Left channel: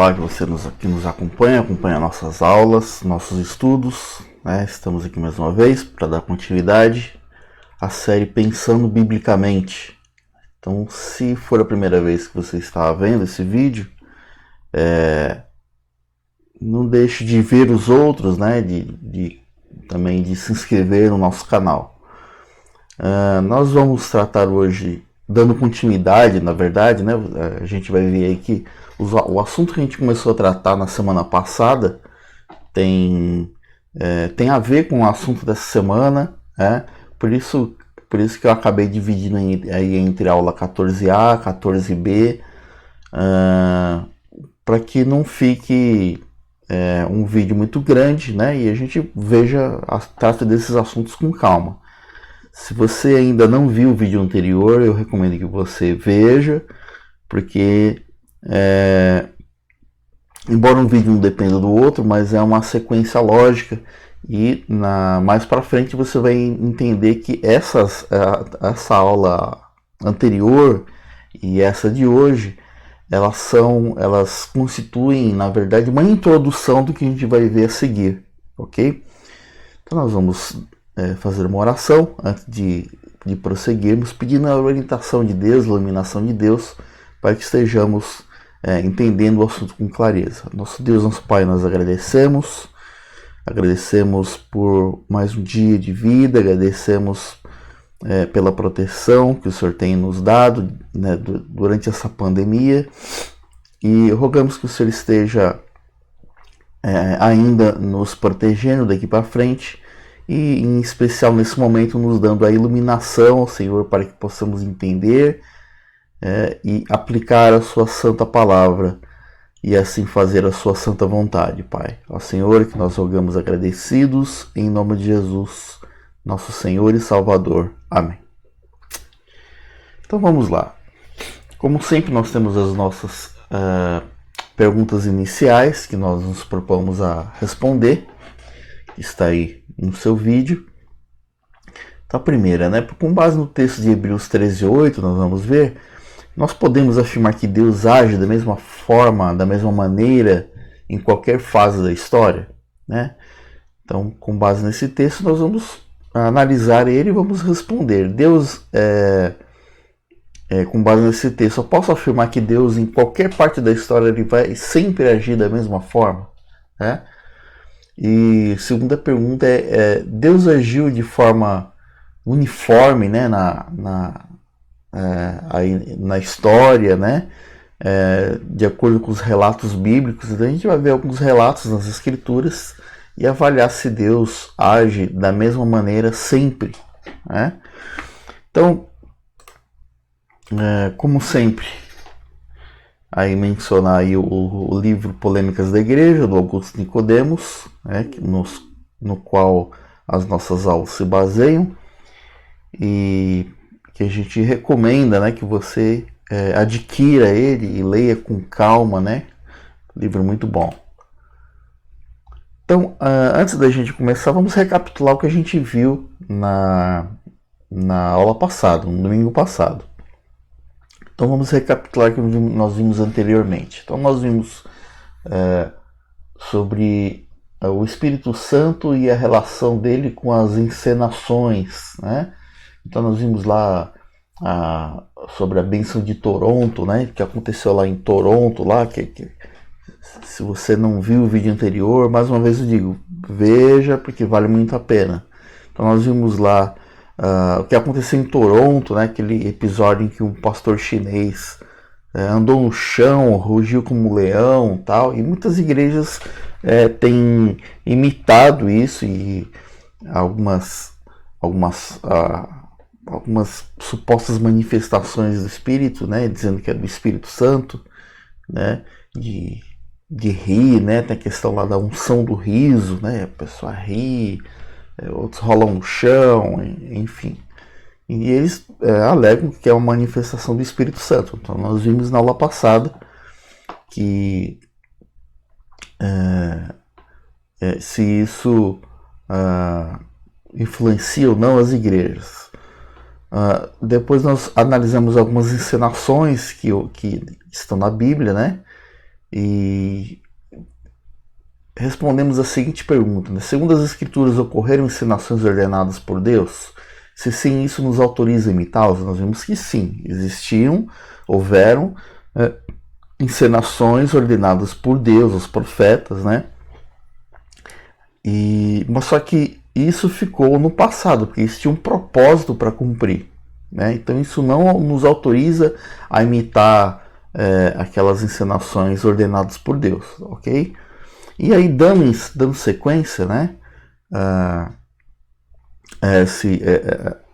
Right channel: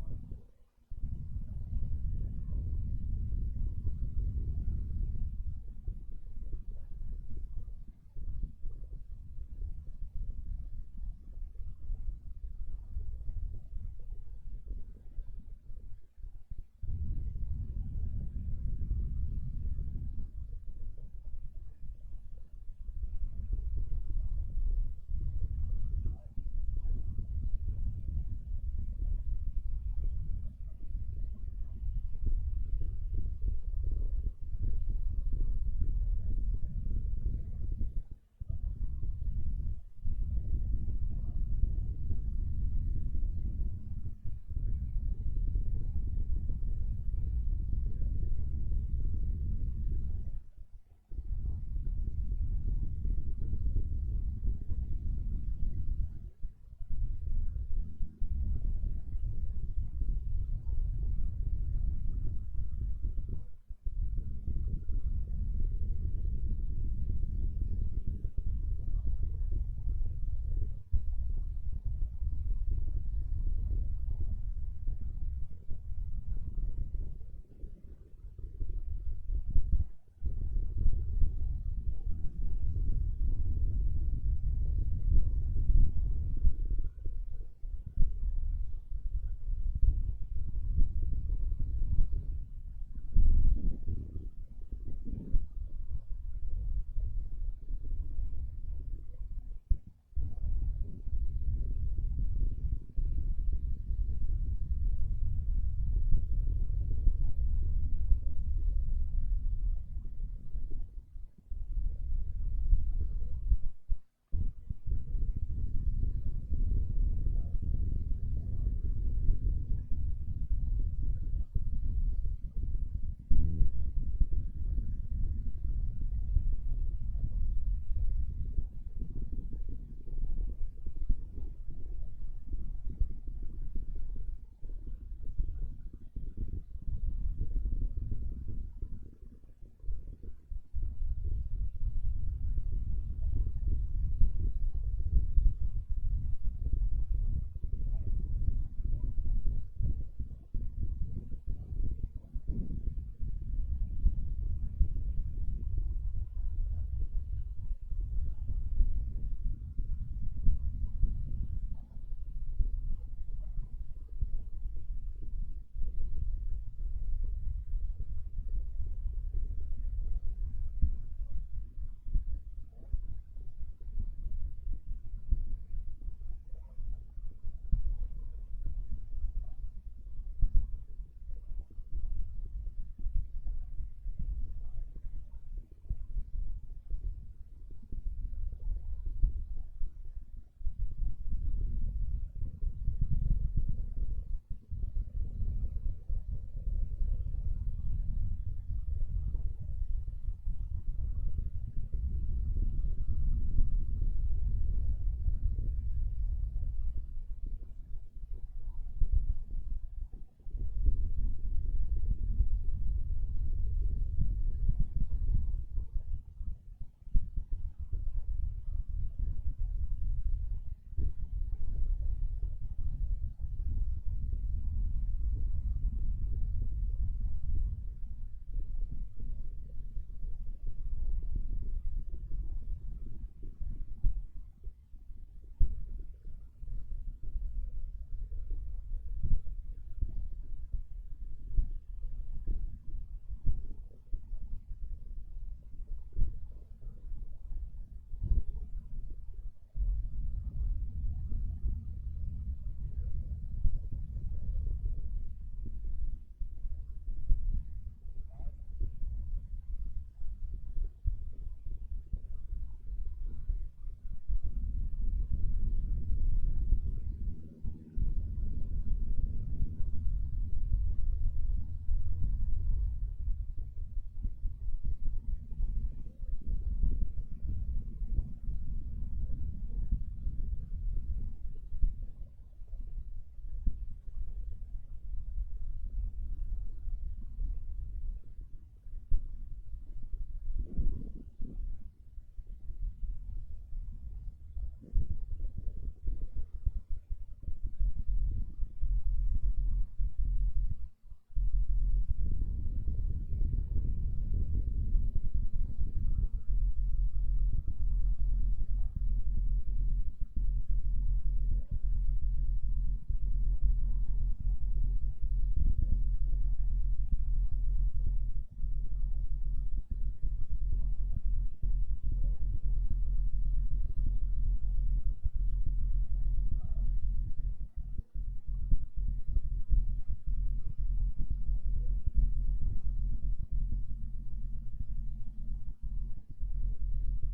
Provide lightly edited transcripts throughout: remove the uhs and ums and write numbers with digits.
Olá, que nos acompanha nossas aulas, nossos estudos, né? Estamos aqui mais uma vez para dar continuidade à série Pensando Biblicamente. Então, se for a primeira vez que você está vendo esse vídeo, não deixe de ver os outros, né? Também de se inscrever no nosso canal. Nós vamos tratar hoje, dando continuidade, na verdade, né? A gente vai ver aí que o assunto que a gente começou a tratar na semana passada tem a ver com o assunto dessa semana, né? Por isso que eu acabei dividindo aí entre aula 14A, 14B, para que não fique um vídeo muito grande, né? E a gente trata desses assuntos com calma. Se você ainda não viu o vídeo anterior, eu recomendo que você veja, porque embora um vídeo não dependa do outro, mas é uma sequência lógica e mais para frente você vai entender que essa aula anterior e essa de hoje, elas constituem, na verdade, uma introdução do que a gente vai ver a seguir, ok? Então nós vamos fazer uma oração antes de prosseguirmos, pedindo a orientação de Deus, a iluminação de Deus, para que estejamos entendendo o assunto com clareza. Nosso Deus, nosso Pai, nós agradecemos por mais um dia de vida, agradecemos pela proteção que o Senhor tem nos dado, né, durante essa pandemia, e rogamos que o Senhor esteja ainda nos protegendo daqui para frente, e em especial nesse momento nos dando a iluminação, Senhor, para que possamos entender e aplicar a sua santa palavra e assim fazer a sua santa vontade, Pai. Ó Senhor, que nós rogamos agradecidos em nome de Jesus, nosso Senhor e Salvador. Amém. Então vamos lá. Como sempre, nós temos as nossas perguntas iniciais que nós nos propomos a responder. Está aí no seu vídeo. Então a primeira, né? Com base no texto de Hebreus 13:8, nós vamos ver, nós podemos afirmar que Deus age da mesma forma, da mesma maneira, em qualquer fase da história, né? Então, com base nesse texto, nós vamos analisar ele e vamos responder. Deus, com base nesse texto, eu posso afirmar que Deus, em qualquer parte da história, ele vai sempre agir da mesma forma, né? E segunda pergunta Deus agiu de forma uniforme, né, na história, né, de acordo com os relatos bíblicos? Então a gente vai ver alguns relatos nas escrituras e avaliar se Deus age da mesma maneira sempre, né? Então, como sempre, aí mencionar aí o livro Polêmicas da Igreja, do Augusto Nicodemos, né, no qual as nossas aulas se baseiam, e que a gente recomenda, né, que você adquira ele e leia com calma, né? Livro muito bom. Então, antes da gente começar, vamos recapitular o que a gente viu na aula passada, no domingo passado. Então vamos recapitular o que nós vimos anteriormente. Então nós vimos sobre o Espírito Santo e a relação dele com as encenações, né? Então nós vimos lá sobre a bênção de Toronto, né? Que aconteceu lá em Toronto, lá que se você não viu o vídeo anterior, mais uma vez eu digo, veja, porque vale muito a pena. Então nós vimos lá o que aconteceu em Toronto, né? Aquele episódio em que um pastor chinês andou no chão, rugiu como um leão, tal, e muitas igrejas têm imitado isso, e algumas supostas manifestações do Espírito, né? Dizendo que é do Espírito Santo, né? De rir, né? Tem a questão lá da unção do riso, né? A pessoa ri, outros rolam no chão, enfim. E eles alegam que é uma manifestação do Espírito Santo. Então nós vimos na aula passada que se isso influencia ou não as igrejas. Depois nós analisamos algumas encenações que estão na Bíblia, né? E respondemos a seguinte pergunta, né? Segundo as Escrituras, ocorreram encenações ordenadas por Deus? Se sim, isso nos autoriza a imitá-los? Nós vimos que sim, houveram encenações ordenadas por Deus, os profetas, né? Mas só que isso ficou no passado, porque isso tinha um propósito para cumprir, né? Então isso não nos autoriza a imitar aquelas encenações ordenadas por Deus, ok? E aí, dando sequência, né,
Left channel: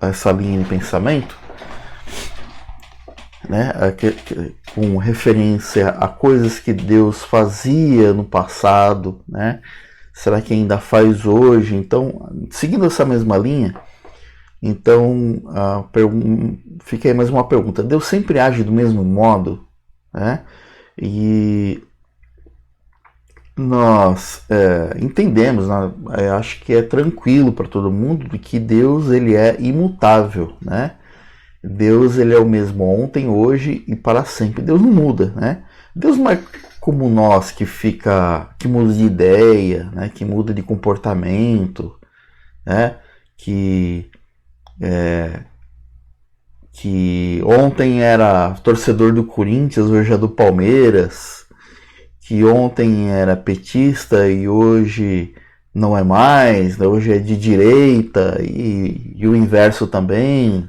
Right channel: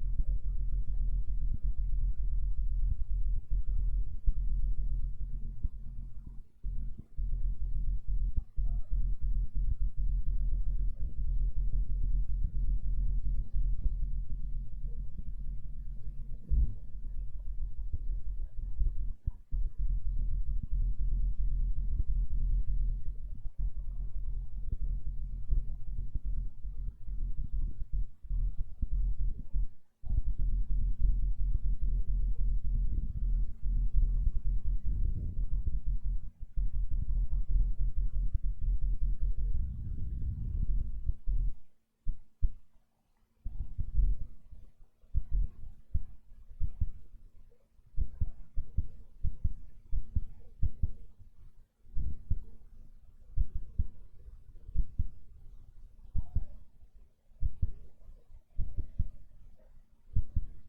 essa linha de pensamento, né, com referência a coisas que Deus fazia no passado, né, será que ainda faz hoje? Então, seguindo essa mesma linha, então fica aí mais uma pergunta: Deus sempre age do mesmo modo, né? E nós entendemos, né? Acho que é tranquilo para todo mundo que Deus ele é imutável, né? Deus ele é o mesmo ontem, hoje e para sempre. Deus não muda, né? Deus não é como nós que muda de ideia, né? Que muda de comportamento, né? Que ontem era torcedor do Corinthians, hoje é do Palmeiras, que ontem era petista e hoje não é mais, né? Hoje é de direita e o inverso também,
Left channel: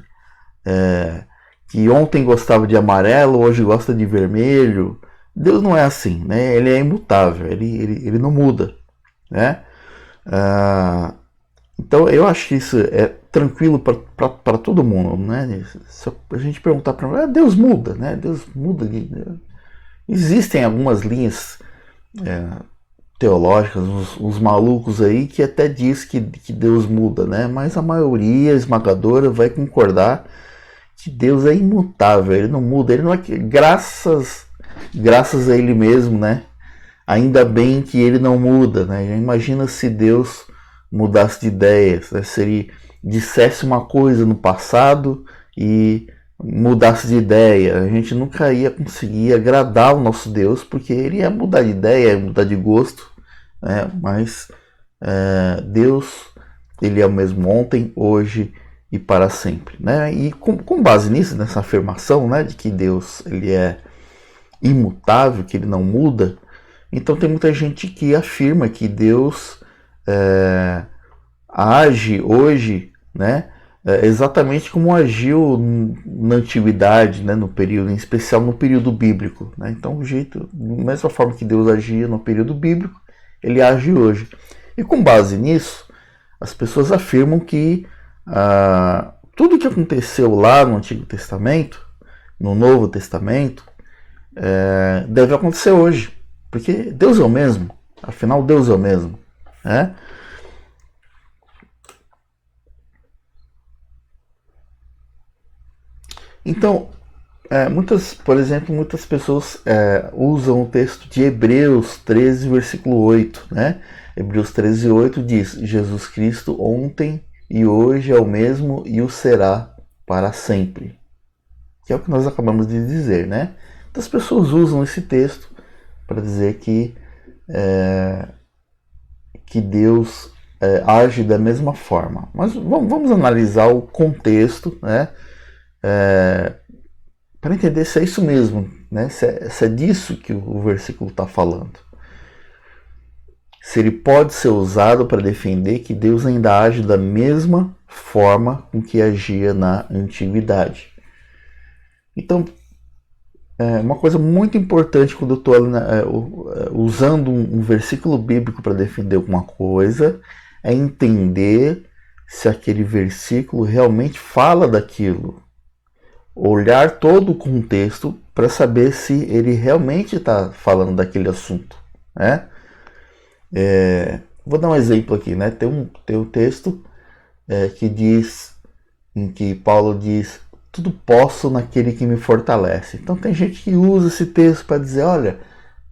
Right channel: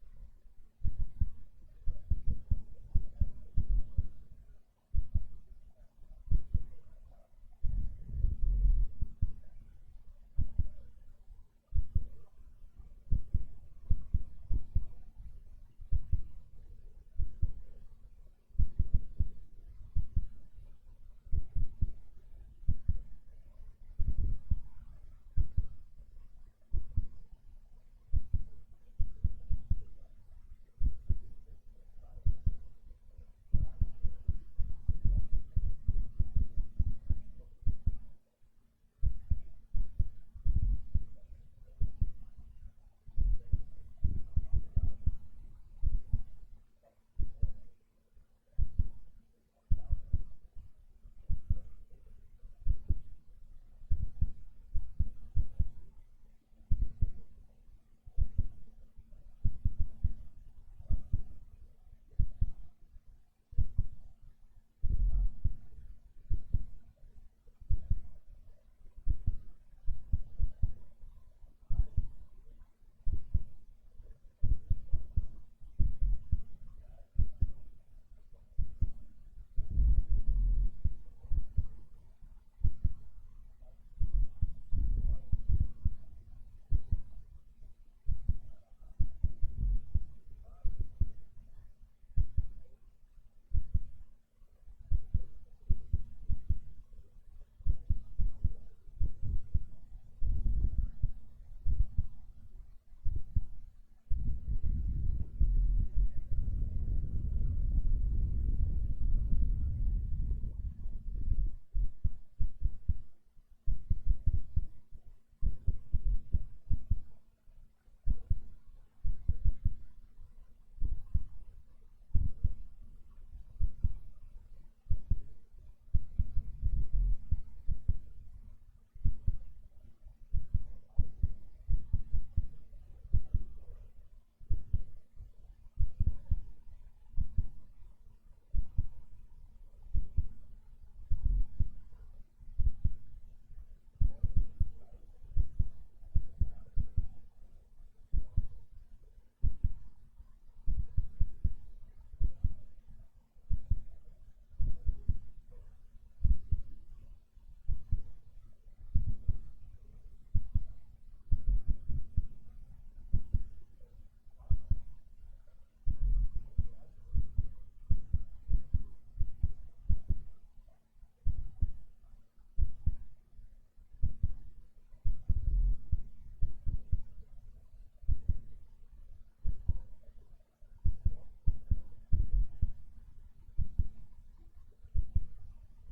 que ontem gostava de amarelo, hoje gosta de vermelho. Deus não é assim, né? Ele é imutável, ele não muda, né? Então eu acho que isso é tranquilo para todo mundo, né? Se a gente perguntar para Deus muda, né? Deus muda. Existem algumas linhas teológicas, uns malucos aí que até diz que Deus muda, né? Mas a maioria esmagadora vai concordar que Deus é imutável, ele não muda, ele não é graças a ele mesmo, né? Ainda bem que ele não muda, né? Imagina se Deus mudasse de ideias, né? Se ele dissesse uma coisa no passado e mudasse de ideia, a gente nunca ia conseguir agradar o nosso Deus, porque ele ia mudar de ideia, ia mudar de gosto, né? Mas Deus, ele é o mesmo ontem, hoje e para sempre, né? E com base nisso, nessa afirmação, né, de que Deus ele é imutável, que ele não muda, então tem muita gente que afirma que Deus age hoje, né, exatamente como agiu na antiguidade, né, no período, em especial no período bíblico, né? Então, da mesma forma que Deus agia no período bíblico, ele age hoje. E com base nisso, as pessoas afirmam que tudo que aconteceu lá no Antigo Testamento, no Novo Testamento, deve acontecer hoje, porque Deus é o mesmo, afinal Deus é o mesmo, né? Então, por exemplo, muitas pessoas usam o texto de Hebreus 13, versículo 8, né? Hebreus 13, 8 diz: Jesus Cristo ontem e hoje é o mesmo e o será para sempre. Que é o que nós acabamos de dizer, né? Então as pessoas usam esse texto para dizer que Deus age da mesma forma. Mas vamos analisar o contexto, né? Para entender se é isso mesmo, né? Se é disso que o versículo está falando. Se ele pode ser usado para defender que Deus ainda age da mesma forma com que agia na antiguidade. Então, uma coisa muito importante quando eu estou usando um versículo bíblico para defender alguma coisa é entender se aquele versículo realmente fala daquilo. Olhar todo o contexto para saber se ele realmente está falando daquele assunto, né? Vou dar um exemplo aqui, né? Tem um texto em que Paulo diz: tudo posso naquele que me fortalece. Então tem gente que usa esse texto para dizer: olha,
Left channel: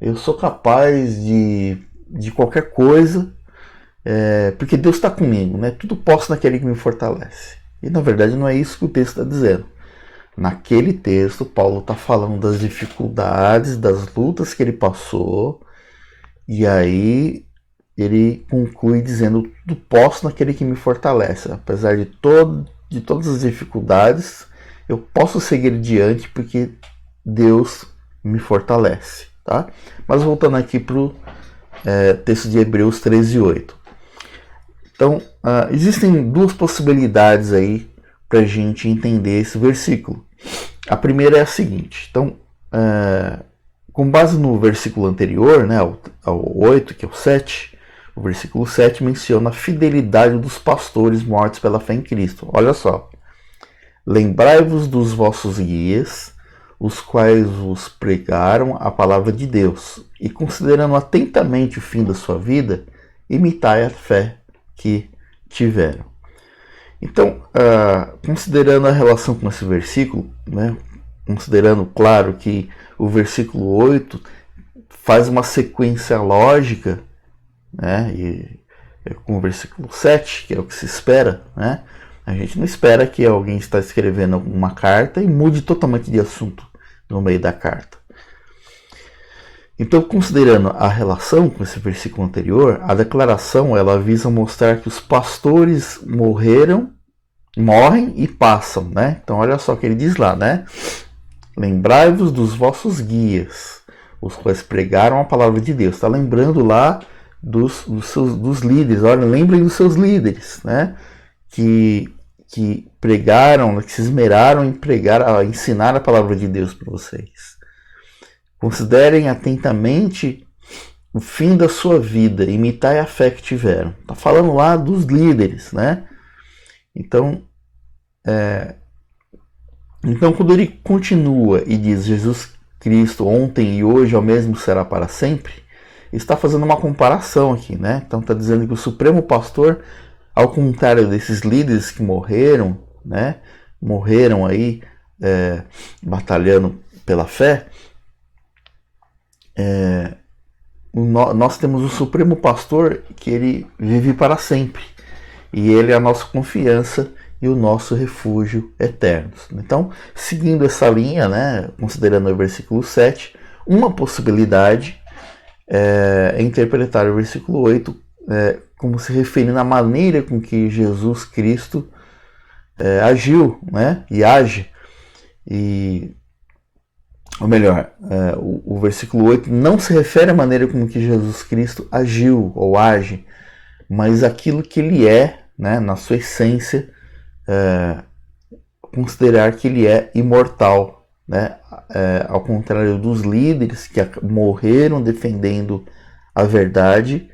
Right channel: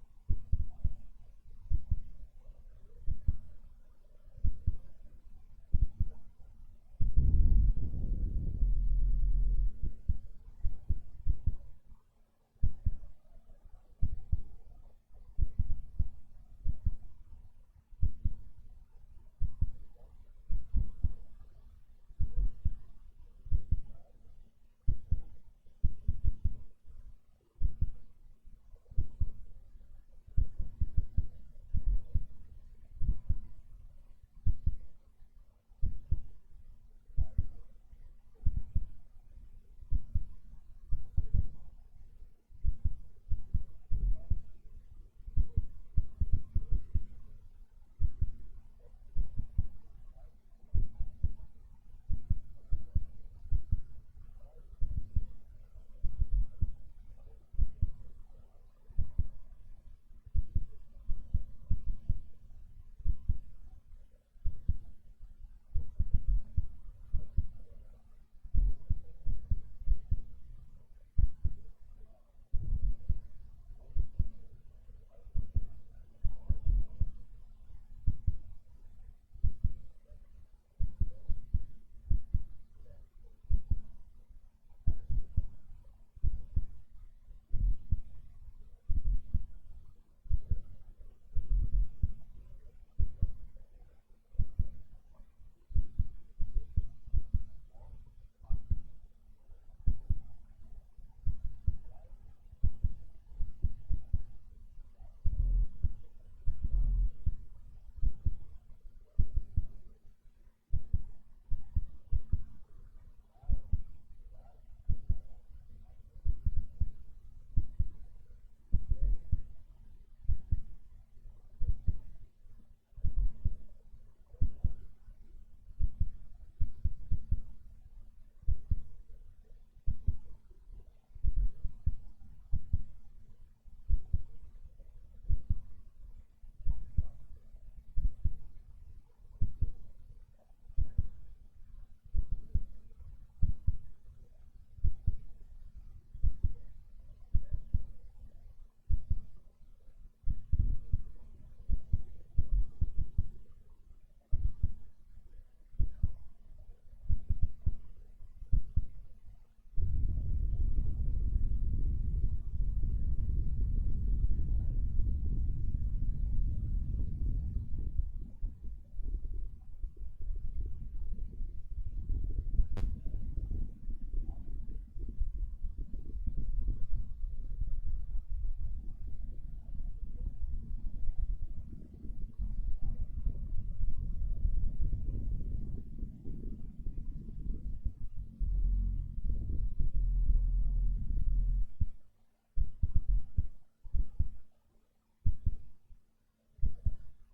eu sou capaz de qualquer coisa, porque Deus está comigo, né? Tudo posso naquele que me fortalece. E na verdade não é isso que o texto está dizendo. Naquele texto, Paulo está falando das dificuldades, das lutas que ele passou, e aí ele conclui dizendo: tudo posso naquele que me fortalece. Apesar de todas as dificuldades, eu posso seguir adiante porque Deus me fortalece. Tá? Mas voltando aqui para o texto de Hebreus 13:8. Então, existem duas possibilidades aí para a gente entender esse versículo. A primeira é a seguinte. Então, com base no versículo anterior, né, ao 8, que é o 7, o versículo 7 menciona a fidelidade dos pastores mortos pela fé em Cristo. Olha só. Lembrai-vos dos vossos guias, os quais vos pregaram a palavra de Deus, e considerando atentamente o fim da sua vida, imitai a fé que tiveram. Então, considerando a relação com esse versículo, né, considerando, claro, que o versículo 8 faz uma sequência lógica, né, com o versículo 7, que é o que se espera, né, a gente não espera que alguém está escrevendo uma carta e mude totalmente de assunto no meio da carta. Então, considerando a relação com esse versículo anterior, a declaração ela visa mostrar que os pastores morrem e passam, né? Então, olha só o que ele diz lá, né? Lembrai-vos dos vossos guias, os quais pregaram a palavra de Deus. Está lembrando lá dos líderes. Olha, lembrem dos seus líderes, né? Que pregaram, que se esmeraram em pregar, a ensinar a palavra de Deus para vocês. Considerem atentamente o fim da sua vida, imitai a fé que tiveram. Está falando lá dos líderes, né? Então, quando ele continua e diz Jesus Cristo ontem e hoje ao mesmo será para sempre, está fazendo uma comparação aqui, né? Então está dizendo que o Supremo Pastor, ao contrário desses líderes que morreram, né? Morreram aí batalhando pela fé. Nós temos o Supremo Pastor que ele vive para sempre, e ele é a nossa confiança e o nosso refúgio eterno. Então, seguindo essa linha, né, considerando o versículo 7, uma possibilidade é interpretar o versículo 8 como se referindo à maneira com que Jesus Cristo agiu, né, e age. Ou melhor, o versículo 8 não se refere à maneira como que Jesus Cristo agiu ou age, mas aquilo que ele é, né, na sua essência, considerar que ele é imortal, né? Ao contrário dos líderes que morreram defendendo a verdade,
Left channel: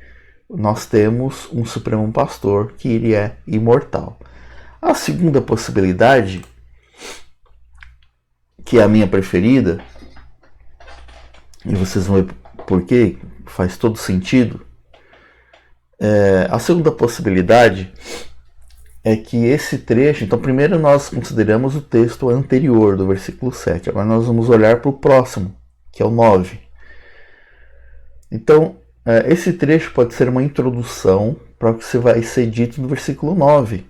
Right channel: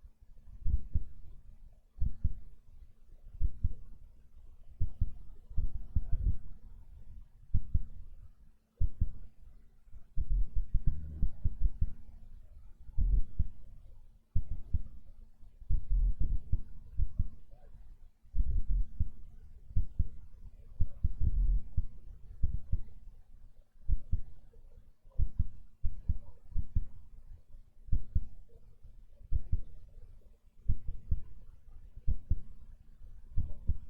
nós temos um Supremo Pastor que ele é imortal. A segunda possibilidade, que é a minha preferida, e vocês vão ver por quê, faz todo sentido. A segunda possibilidade é que esse trecho, então primeiro nós consideramos o texto anterior do versículo 7, agora nós vamos olhar para o próximo, que é o 9. Então, esse trecho pode ser uma introdução para o que vai ser dito no versículo 9.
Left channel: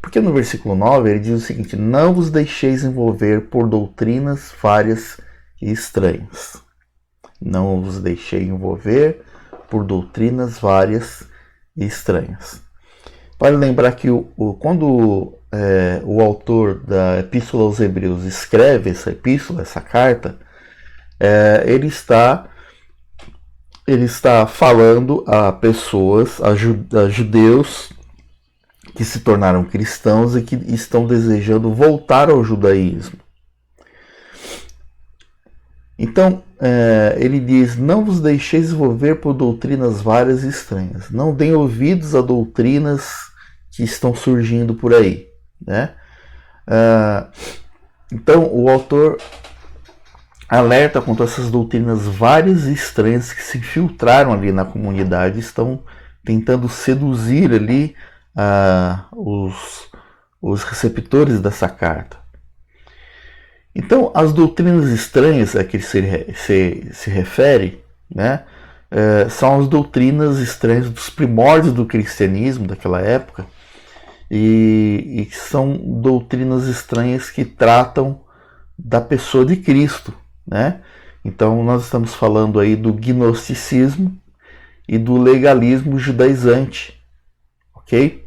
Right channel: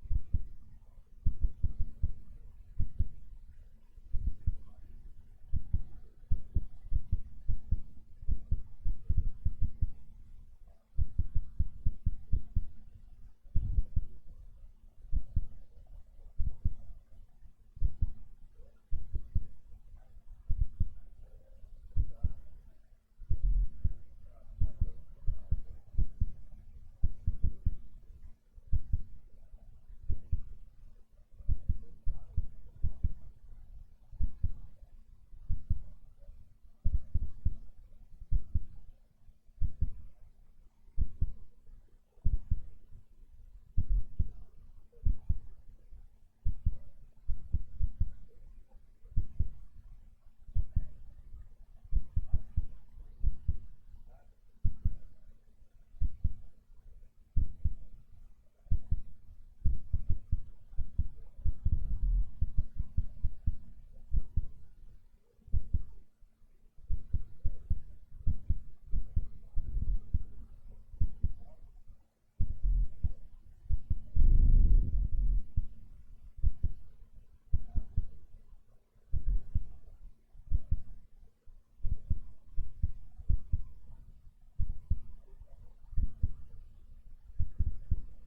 Porque no versículo 9 ele diz o seguinte: não vos deixeis envolver por doutrinas várias e estranhas. Não vos deixei envolver por doutrinas várias e estranhas. Vale lembrar que quando o autor da Epístola aos Hebreus escreve essa epístola, essa carta, ele está falando a pessoas, a judeus que se tornaram cristãos e que estão desejando voltar ao judaísmo. Então, ele diz: não vos deixeis envolver por doutrinas várias e estranhas. Não deem ouvidos a doutrinas que estão surgindo por aí, né? Então, o autor alerta contra essas doutrinas várias e estranhas que se infiltraram ali na comunidade, estão tentando seduzir ali os receptores dessa carta. Então, as doutrinas estranhas a que ele se refere, né, são as doutrinas estranhas dos primórdios do cristianismo daquela época, e são doutrinas estranhas que tratam da pessoa de Cristo, né? Então nós estamos falando aí do gnosticismo e do legalismo judaizante, ok?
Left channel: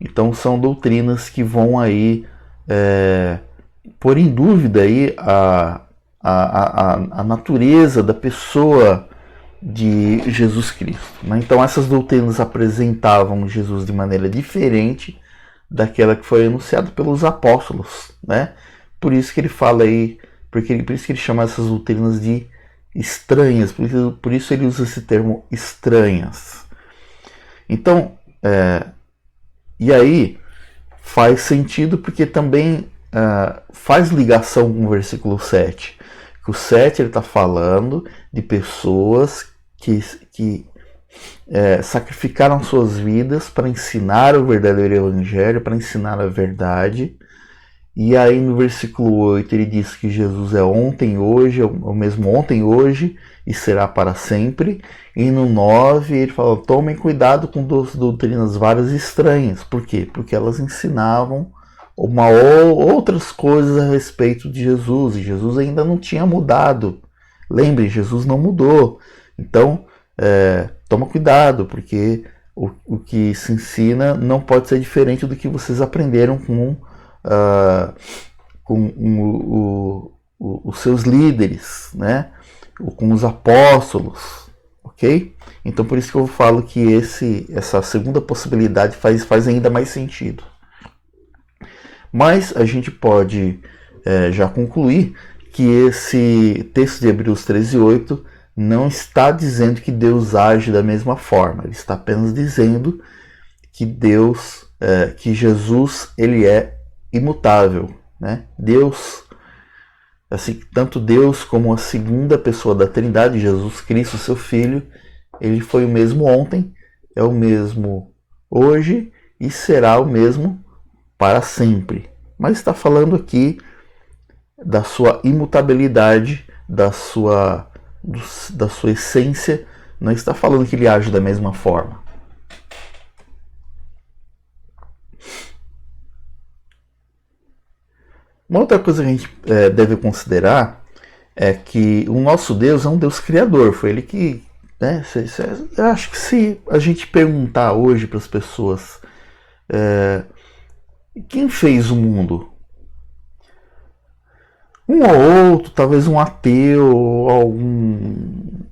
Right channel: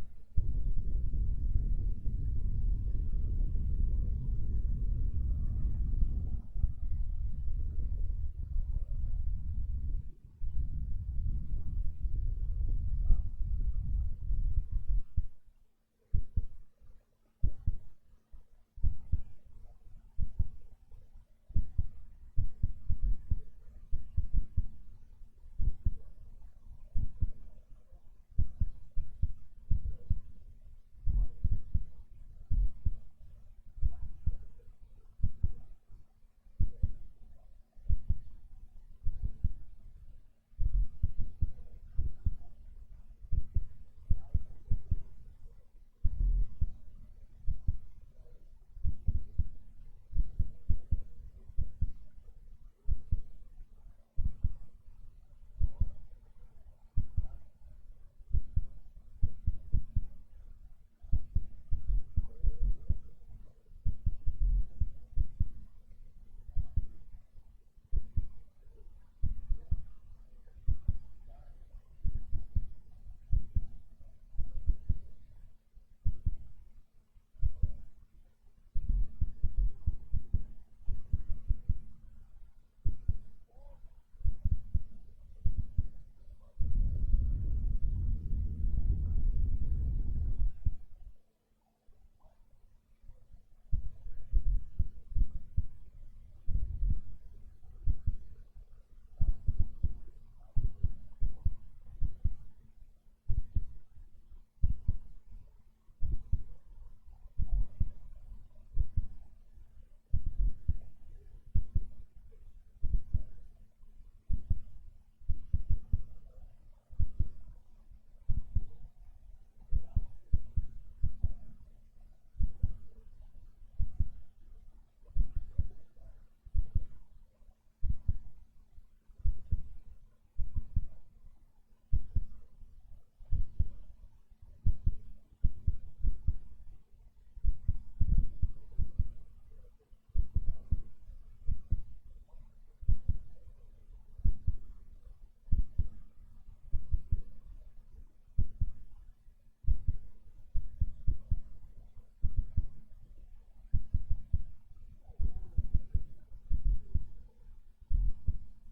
Então são doutrinas que vão aí pôr em dúvida aí a natureza da pessoa de Jesus Cristo, né? Então essas doutrinas apresentavam Jesus de maneira diferente daquela que foi anunciada pelos apóstolos, né? Por isso que ele fala aí, por isso que ele chama essas doutrinas de estranhas, por isso ele usa esse termo estranhas. Então, e aí faz sentido porque também faz ligação com o versículo 7. Que o 7 ele está falando de pessoas que sacrificaram suas vidas para ensinar o verdadeiro evangelho, para ensinar a verdade. E aí no versículo 8 ele diz que Jesus é ontem, hoje, é o mesmo ontem, hoje e será para sempre. E no 9 ele fala, tomem cuidado com doutrinas várias e estranhas. Por quê? Porque elas ensinavam outras coisas a respeito de Jesus. E Jesus ainda não tinha mudado. Lembre, Jesus não mudou. Então, toma cuidado, porque o que se ensina não pode ser diferente do que vocês aprenderam com os seus líderes, né? Com os apóstolos, ok? Então por isso que eu falo que essa segunda possibilidade faz ainda mais sentido. Mas a gente pode já concluir que esse texto de Hebreus 13:8 não está dizendo que Deus age da mesma forma. Ele está apenas dizendo que que Jesus, ele é imutável, né? Deus, assim, tanto Deus como a segunda pessoa da Trindade, Jesus Cristo, seu Filho, ele foi o mesmo ontem, é o mesmo hoje e será o mesmo para sempre. Mas está falando aqui da sua imutabilidade, da sua essência, não está falando que ele age da mesma forma. Uma outra coisa que a gente deve considerar é que o nosso Deus é um Deus criador. Foi ele que, né? Eu acho que se a gente perguntar hoje para as pessoas quem fez o mundo, um ou outro, talvez um ateu,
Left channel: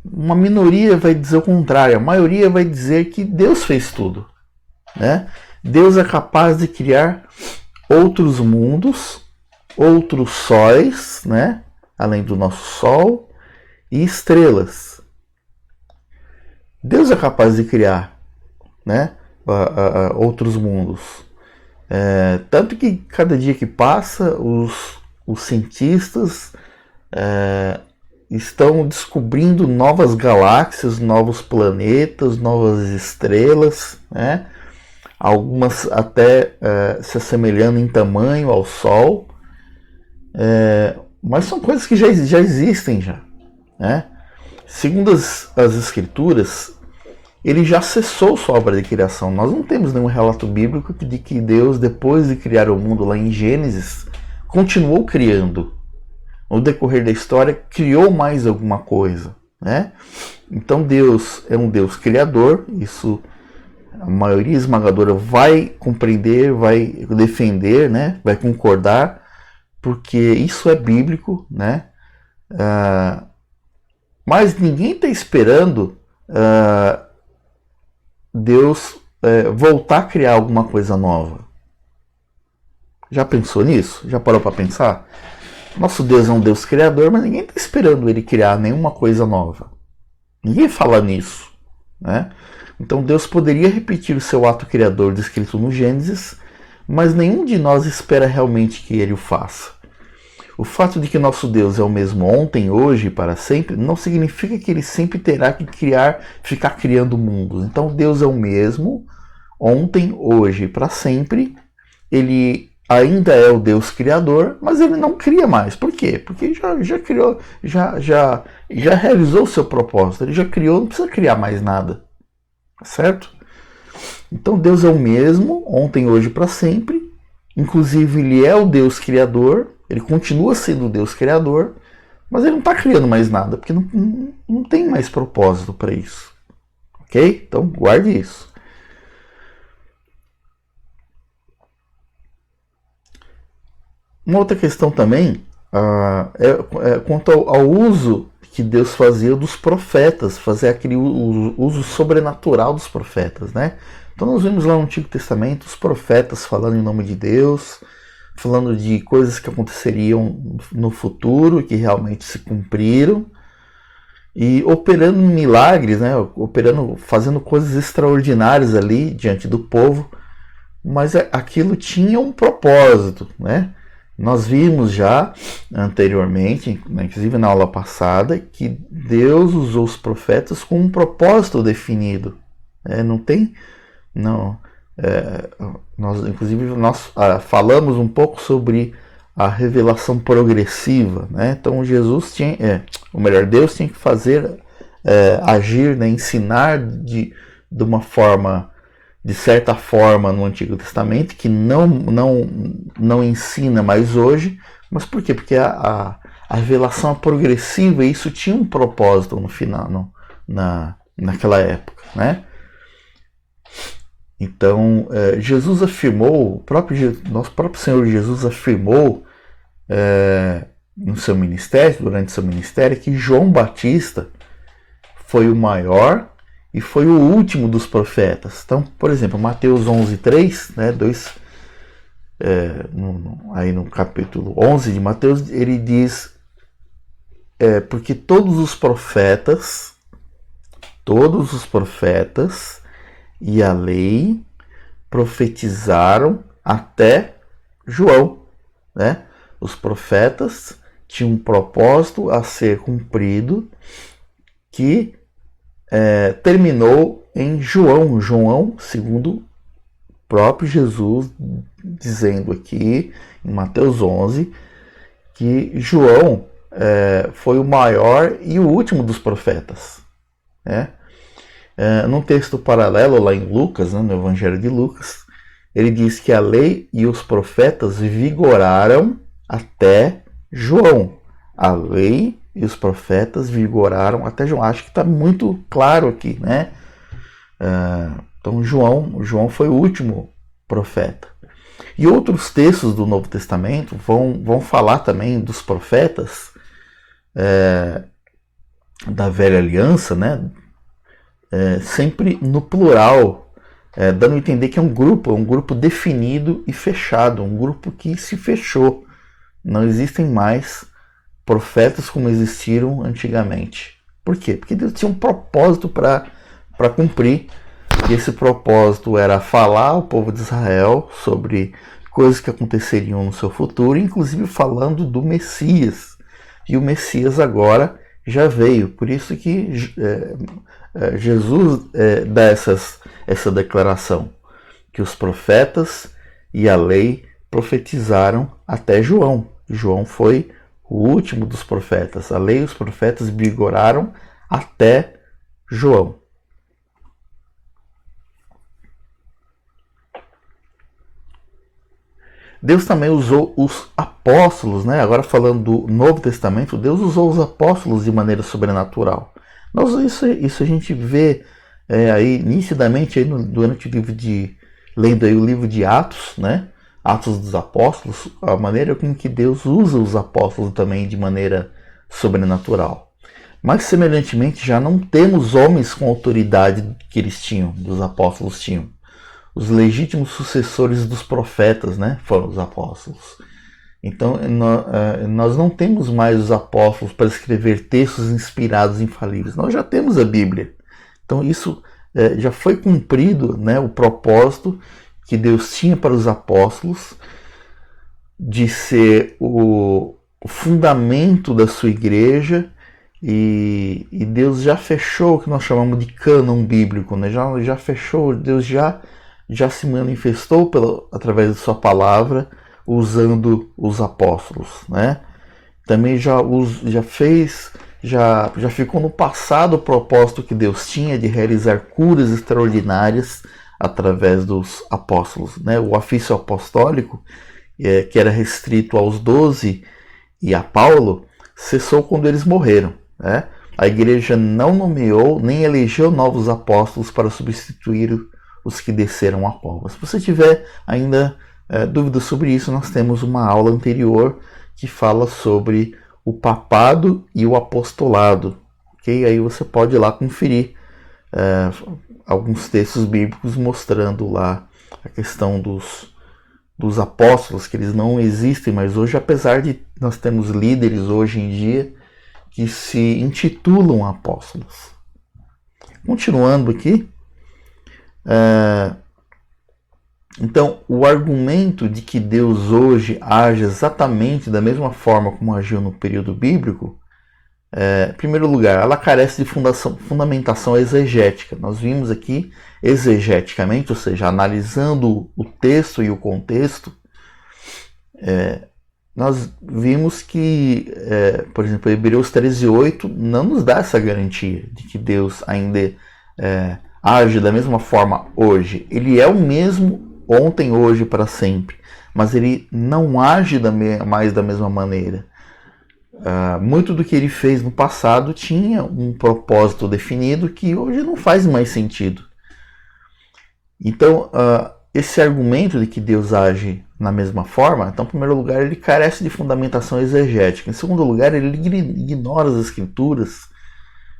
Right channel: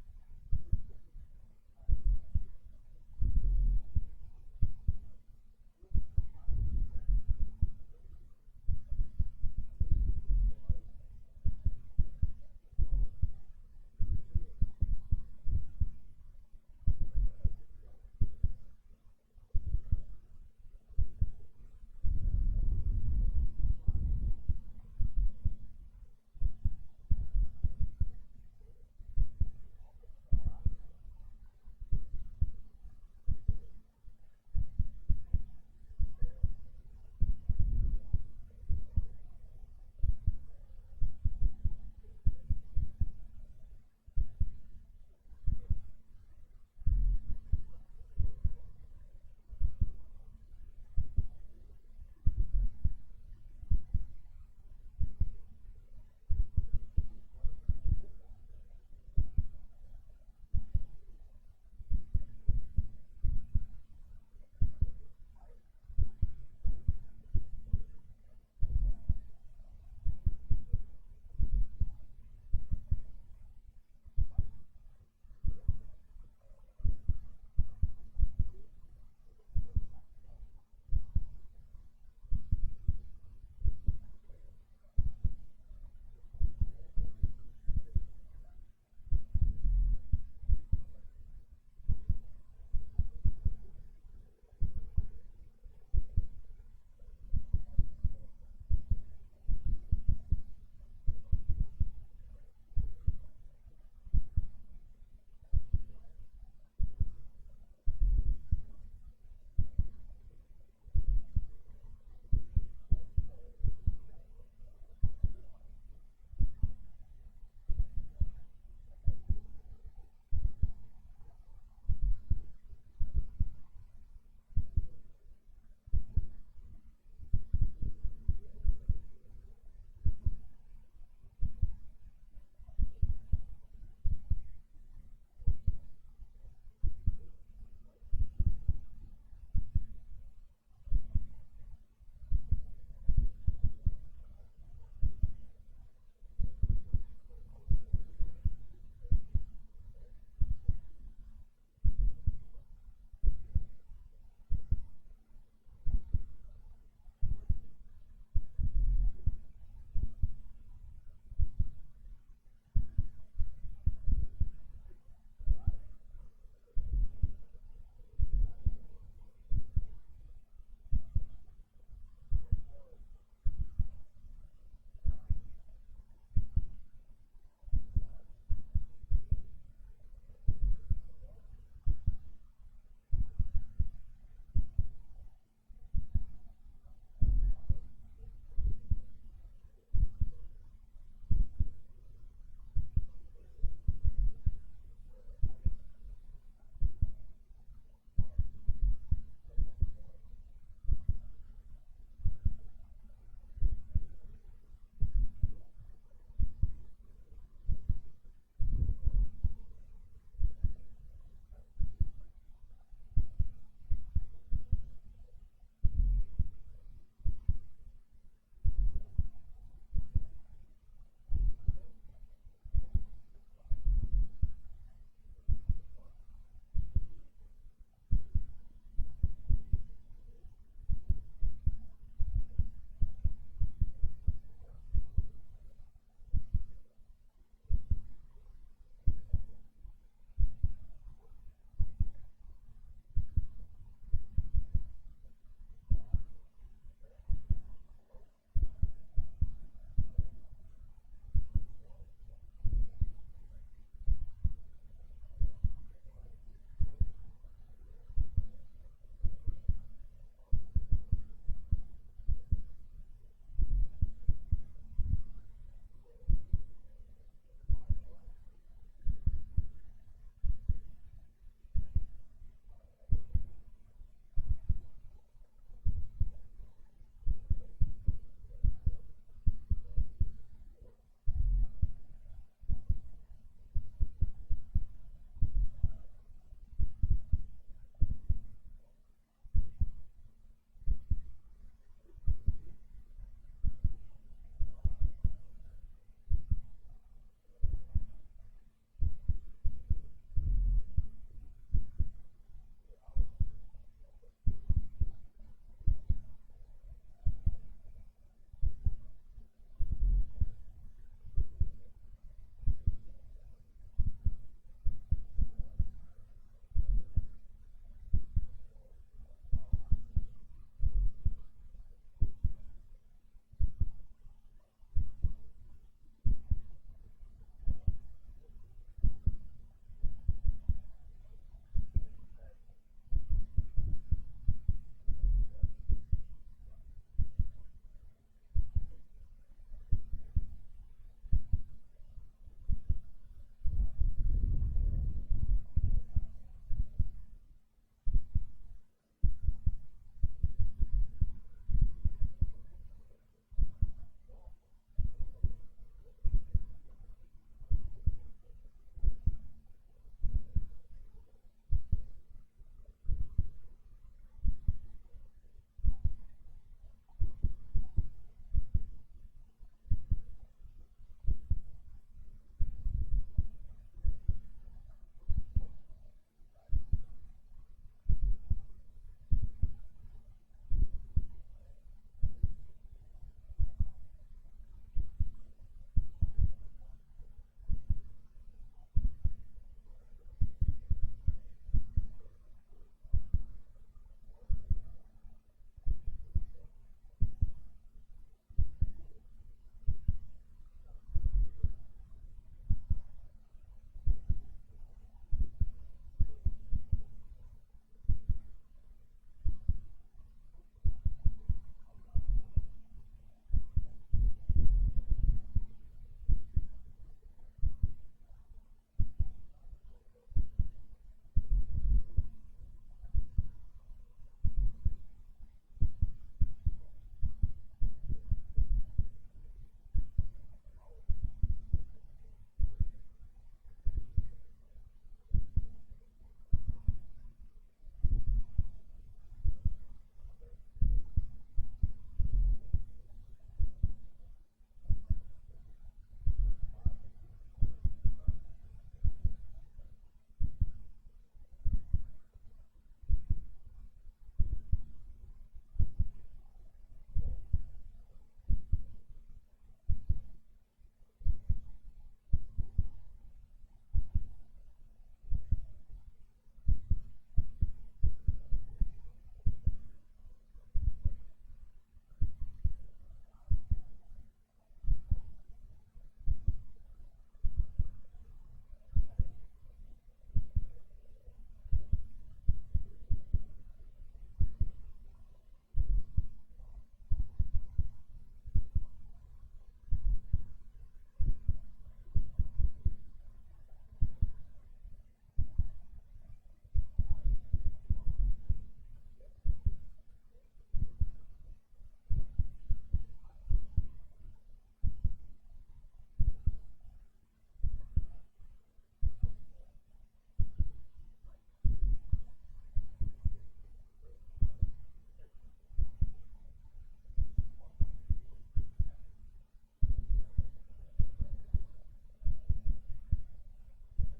uma minoria vai dizer o contrário. A maioria vai dizer que Deus fez tudo, né? Deus é capaz de criar outros mundos, outros sóis, né? Além do nosso Sol, e estrelas. Deus é capaz de criar, né? Outros mundos. Tanto que cada dia que passa, os cientistas estão descobrindo novas galáxias, novos planetas, novas estrelas, né? Algumas até se assemelhando em tamanho ao Sol. Mas são coisas que já existem já, né? Segundo as escrituras, ele já cessou sua obra de criação. Nós não temos nenhum relato bíblico de que Deus, depois de criar o mundo lá em Gênesis, continuou criando. No decorrer da história, criou mais alguma coisa, né? Então Deus é um Deus criador, isso a maioria esmagadora vai compreender, vai defender, né? Vai concordar, porque isso é bíblico, né? Mas ninguém está esperando Deus voltar a criar alguma coisa nova. Já pensou nisso? Já parou para pensar? Nosso Deus é um Deus criador, mas ninguém está esperando ele criar nenhuma coisa nova. Ninguém fala nisso, né? Então Deus poderia repetir o seu ato criador descrito no Gênesis, mas nenhum de nós espera realmente que ele o faça. O fato de que nosso Deus é o mesmo ontem, hoje e para sempre, não significa que ele sempre terá que ficar criando mundos. Então Deus é o mesmo ontem, hoje e para sempre. Ele ainda é o Deus criador, mas ele não cria mais. Por quê? Porque já criou, já realizou o seu propósito. Ele já criou, não precisa criar mais nada. Certo? Então Deus é o mesmo ontem, hoje e para sempre. Inclusive ele é o Deus criador, Ele continua sendo o Deus criador, mas ele não está criando mais nada, porque não tem mais propósito para isso. Ok? Então guarde isso. Uma outra questão também é quanto ao uso que Deus fazia dos profetas, fazer aquele uso sobrenatural dos profetas, né? Então nós vimos lá no Antigo Testamento os profetas falando em nome de Deus, falando de coisas que aconteceriam no futuro, que realmente se cumpriram, e operando milagres, né? Fazendo coisas extraordinárias ali diante do povo, mas aquilo tinha um propósito, né? Nós vimos já anteriormente, inclusive na aula passada, que Deus usou os profetas com um propósito definido. Nós falamos um pouco sobre a revelação progressiva, né? Então Deus tinha que fazer, agir, né? Ensinar de uma forma, de certa forma, no Antigo Testamento, que não ensina mais hoje. Mas por quê? Porque a revelação progressiva, e isso tinha um propósito no final, naquela época, né? Então, Jesus afirmou, nosso próprio Senhor Jesus afirmou durante seu ministério, que João Batista foi o maior e foi o último dos profetas. Então, por exemplo, Mateus 11:3, né, aí no capítulo 11 de Mateus, ele diz, porque todos os profetas e a lei profetizaram até João, né? Os profetas tinham um propósito a ser cumprido, que terminou em João, segundo o próprio Jesus, dizendo aqui em Mateus 11 que João foi o maior e o último dos profetas, né? Num texto paralelo lá em Lucas, né, no Evangelho de Lucas, ele diz que a lei e os profetas vigoraram até João. A lei e os profetas vigoraram até João. Acho que está muito claro aqui, né? Então João foi o último profeta. E outros textos do Novo Testamento vão falar também dos profetas da Velha Aliança, né? Sempre no plural, dando a entender que é um grupo definido e fechado, um grupo que se fechou. Não existem mais profetas como existiram antigamente. Por quê? Porque Deus tinha um propósito para cumprir, e esse propósito era falar ao povo de Israel sobre coisas que aconteceriam no seu futuro, inclusive falando do Messias. E o Messias agora já veio, por isso que Jesus dá essa declaração, que os profetas e a lei profetizaram até João. João foi o último dos profetas. A lei e os profetas vigoraram até João. Deus também usou os apóstolos, né? Agora falando do Novo Testamento, Deus usou os apóstolos de maneira sobrenatural. Isso a gente vê aí nitidamente aí durante o livro lendo aí o livro de Atos, né? Atos dos Apóstolos, a maneira com que Deus usa os apóstolos também de maneira sobrenatural. Mas semelhantemente já não temos homens com a autoridade que eles tinham, dos apóstolos tinham. Os legítimos sucessores dos profetas, né, foram os apóstolos. Então nós não temos mais os apóstolos para escrever textos inspirados infalíveis. Nós já temos a Bíblia. Então isso já foi cumprido, né, o propósito que Deus tinha para os apóstolos de ser o fundamento da sua igreja, e Deus já fechou o que nós chamamos de cânon bíblico, né? Já fechou, Deus já se manifestou através de sua palavra, usando os apóstolos, né? Também já ficou no passado o propósito que Deus tinha de realizar curas extraordinárias através dos apóstolos, né? O ofício apostólico, que era restrito aos 12 e a Paulo, cessou quando eles morreram, né? A igreja não nomeou nem elegeu novos apóstolos para substituir os que desceram a Paulo. Se você tiver ainda dúvidas sobre isso, nós temos uma aula anterior que fala sobre o papado e o apostolado. Okay? Aí você pode ir lá conferir alguns textos bíblicos mostrando lá a questão dos apóstolos, que eles não existem mais hoje, apesar de nós termos líderes hoje em dia que se intitulam apóstolos. Continuando aqui, então o argumento de que Deus hoje age exatamente da mesma forma como agiu no período bíblico, em primeiro lugar, ela carece de fundamentação exegética. Nós vimos aqui exegeticamente, ou seja, analisando o texto e o contexto, nós vimos que, por exemplo, Hebreus 13:8 não nos dá essa garantia de que Deus ainda age da mesma forma hoje. Ele é o mesmo ontem, hoje, para sempre, mas ele não age mais da mesma maneira. Muito do que ele fez no passado tinha um propósito definido que hoje não faz mais sentido. Então, esse argumento de que Deus age na mesma forma, então, em primeiro lugar, ele carece de fundamentação exegética. Em segundo lugar, ele ignora as escrituras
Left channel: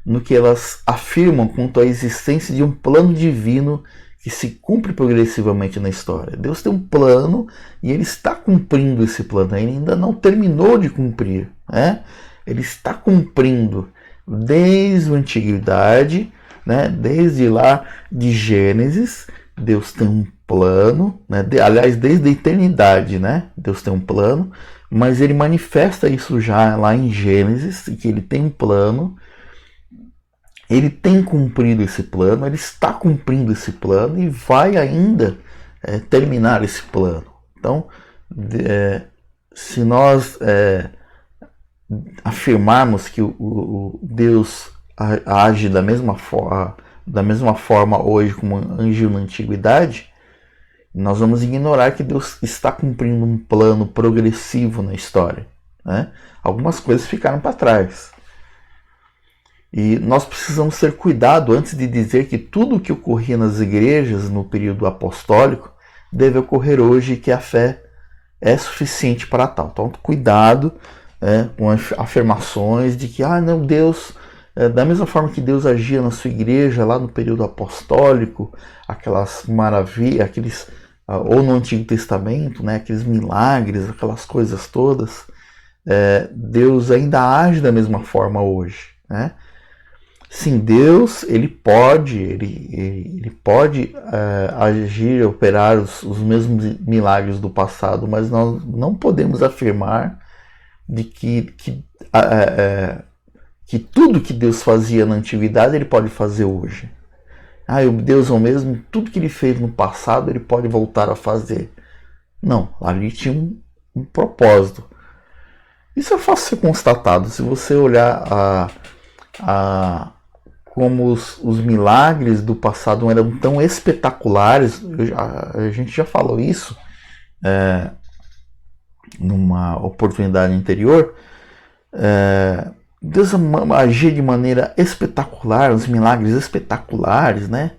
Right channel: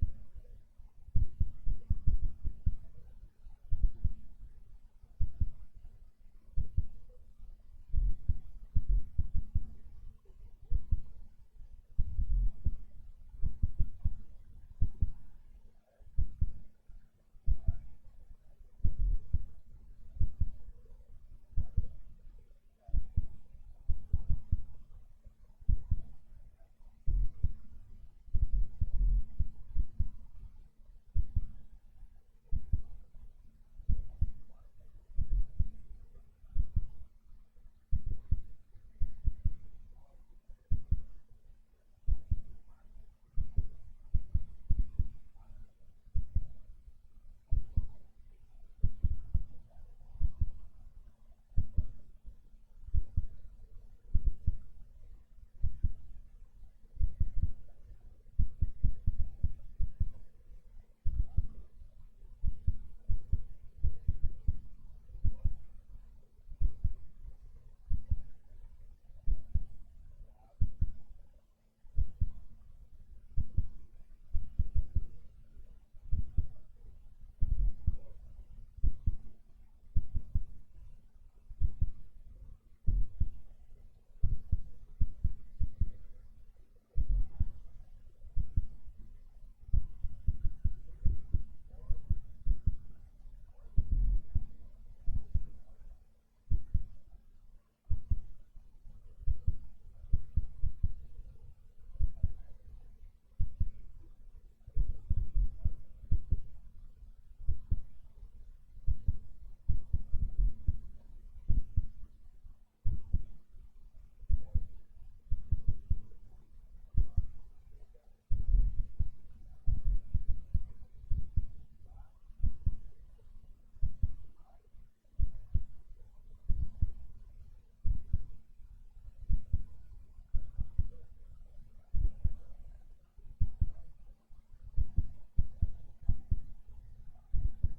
no que elas afirmam quanto à existência de um plano divino que se cumpre progressivamente na história. Deus tem um plano e ele está cumprindo esse plano. Ele ainda não terminou de cumprir, né? Ele está cumprindo desde a antiguidade, né? Desde lá de Gênesis. Deus tem um plano, né? Aliás, desde a eternidade, né? Deus tem um plano, mas ele manifesta isso já lá em Gênesis, que ele tem um plano, ele tem cumprido esse plano, ele está cumprindo esse plano e vai ainda terminar esse plano. Então, se nós afirmarmos que o Deus age da mesma forma hoje como agiu na antiguidade, nós vamos ignorar que Deus está cumprindo um plano progressivo na história, né? Algumas coisas ficaram para trás. E nós precisamos ter cuidado antes de dizer que tudo o que ocorria nas igrejas no período apostólico deve ocorrer hoje e que a fé é suficiente para tal. Então, cuidado com afirmações de que não, Deus, da mesma forma que Deus agia na sua igreja lá no período apostólico, aquelas maravilhas, ou no Antigo Testamento, né, aqueles milagres, aquelas coisas todas, Deus ainda age da mesma forma hoje, né? Sim, Deus ele pode agir, operar os mesmos milagres do passado, mas nós não podemos afirmar de que tudo que Deus fazia na antiguidade ele pode fazer hoje. O Deus é o mesmo, tudo que ele fez no passado ele pode voltar a fazer. Não, ali tinha um propósito. Isso é fácil ser constatado. Se você olhar como os milagres do passado eram tão espetaculares, a gente já falou isso numa oportunidade anterior, Deus agia de maneira espetacular, os milagres espetaculares, né?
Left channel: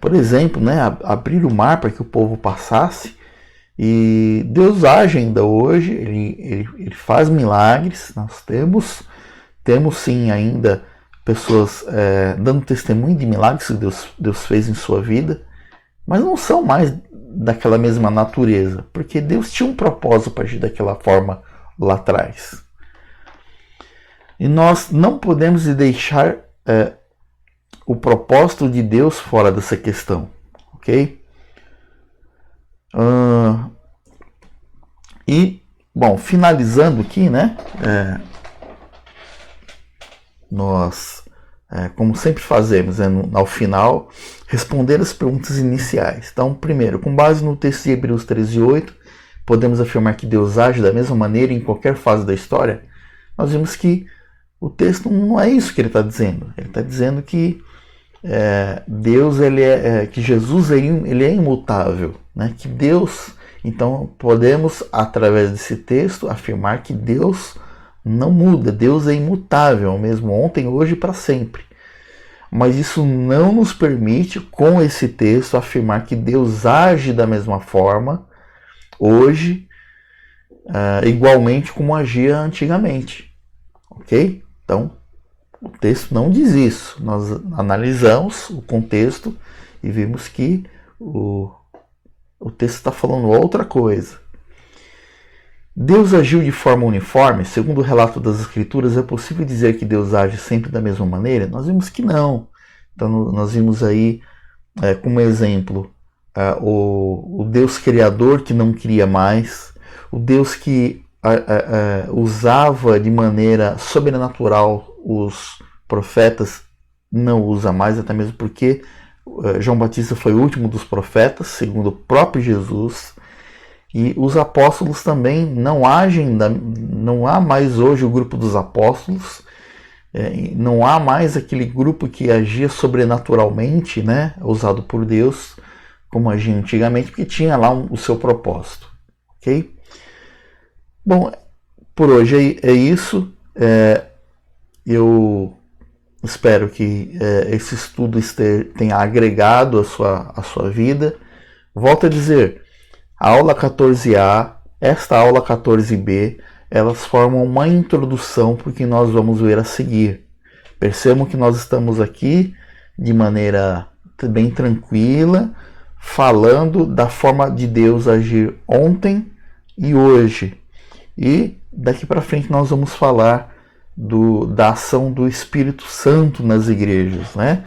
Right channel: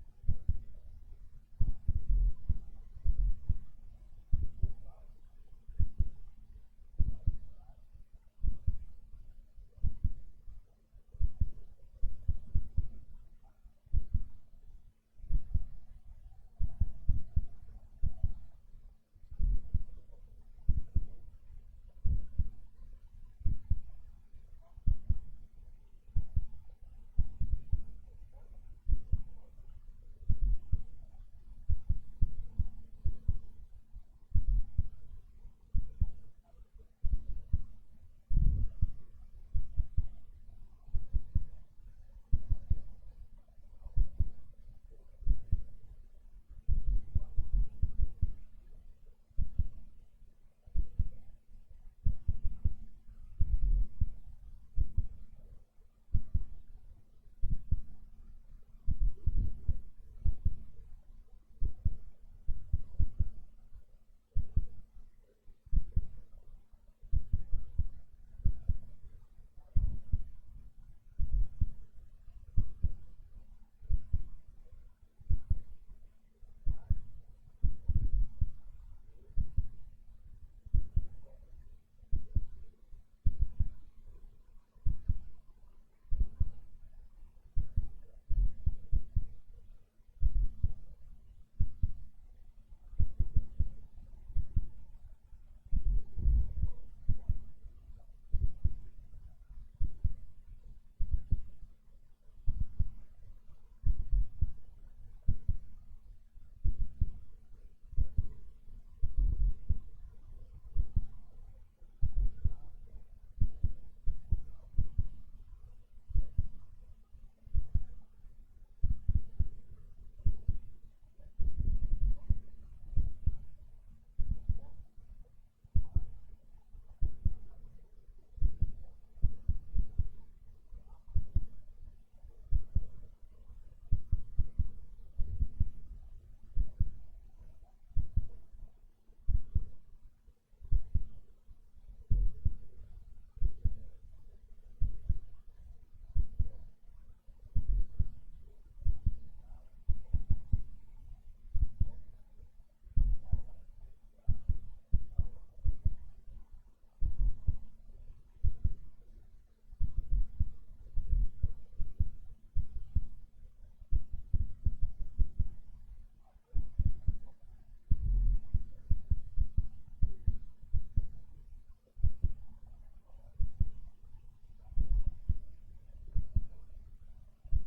Por exemplo, né, abrir o mar para que o povo passasse, e Deus age ainda hoje, ele faz milagres. Nós temos sim ainda pessoas dando testemunho de milagres que Deus fez em sua vida, mas não são mais daquela mesma natureza, porque Deus tinha um propósito para agir daquela forma lá atrás. E nós não podemos deixar o propósito de Deus fora dessa questão, ok? E, bom, finalizando aqui, né? Nós, como sempre fazemos, ao final, responder as perguntas iniciais. Então, primeiro, com base no texto de Hebreus 13:8, podemos afirmar que Deus age da mesma maneira em qualquer fase da história? Nós vimos que o texto não é isso que ele está dizendo. Ele está dizendo que Deus, que Jesus ele é imutável, né? Que Deus Então podemos, através desse texto, afirmar que Deus não muda, Deus é imutável, mesmo ontem, hoje e para sempre. Mas isso não nos permite, com esse texto, afirmar que Deus age da mesma forma hoje, igualmente como agia antigamente. Ok? Então, o texto não diz isso. Nós analisamos o contexto e vimos que o texto está falando outra coisa. Deus agiu de forma uniforme? Segundo o relato das Escrituras, é possível dizer que Deus age sempre da mesma maneira? Nós vimos que não. Então, nós vimos aí, como exemplo, o Deus Criador que não cria mais, o Deus que usava de maneira sobrenatural os profetas, não usa mais, até mesmo porque João Batista foi o último dos profetas, segundo o próprio Jesus. E os apóstolos também não agem, não há mais hoje o grupo dos apóstolos, não há mais aquele grupo que agia sobrenaturalmente, né, usado por Deus, como agia antigamente, porque tinha lá o seu propósito. Ok? Bom, por hoje é isso. Eu espero que esse estudo tenha agregado a sua vida. Volto a dizer, a aula 14A, esta aula 14B, elas formam uma introdução para o que nós vamos ver a seguir. Percebam que nós estamos aqui de maneira bem tranquila, falando da forma de Deus agir ontem e hoje. E daqui para frente nós vamos falar da ação do Espírito Santo nas igrejas, né?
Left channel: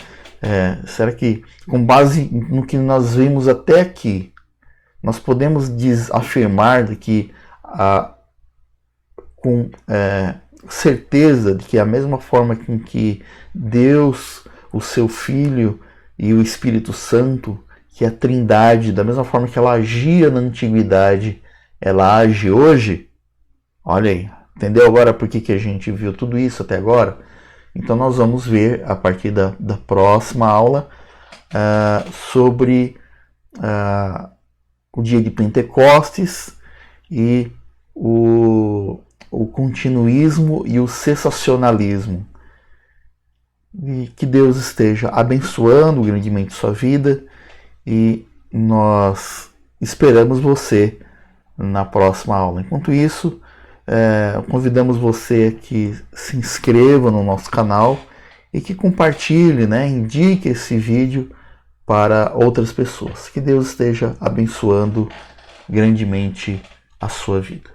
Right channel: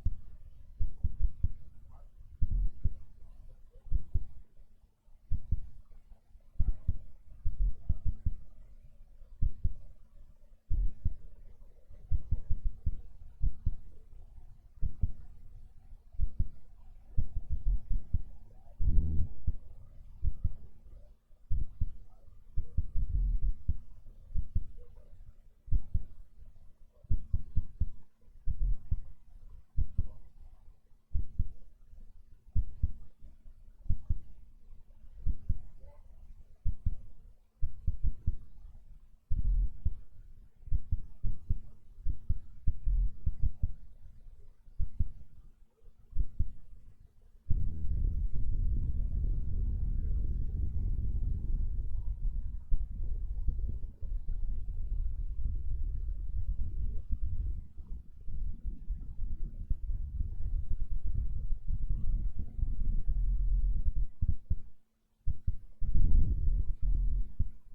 Será que, com base no que nós vimos até aqui, nós podemos afirmar de que, com certeza, de que a mesma forma com que Deus, o seu Filho e o Espírito Santo, que é a Trindade, da mesma forma que ela agia na antiguidade, ela age hoje? Olha aí, entendeu agora por que a gente viu tudo isso até agora? Então nós vamos ver a partir da próxima aula sobre o dia de Pentecostes e o continuismo e o cessacionalismo. E que Deus esteja abençoando grandemente sua vida e nós esperamos você na próxima aula. Enquanto isso, convidamos você que se inscreva no nosso canal e que compartilhe, né, indique esse vídeo para outras pessoas. Que Deus esteja abençoando grandemente a sua vida.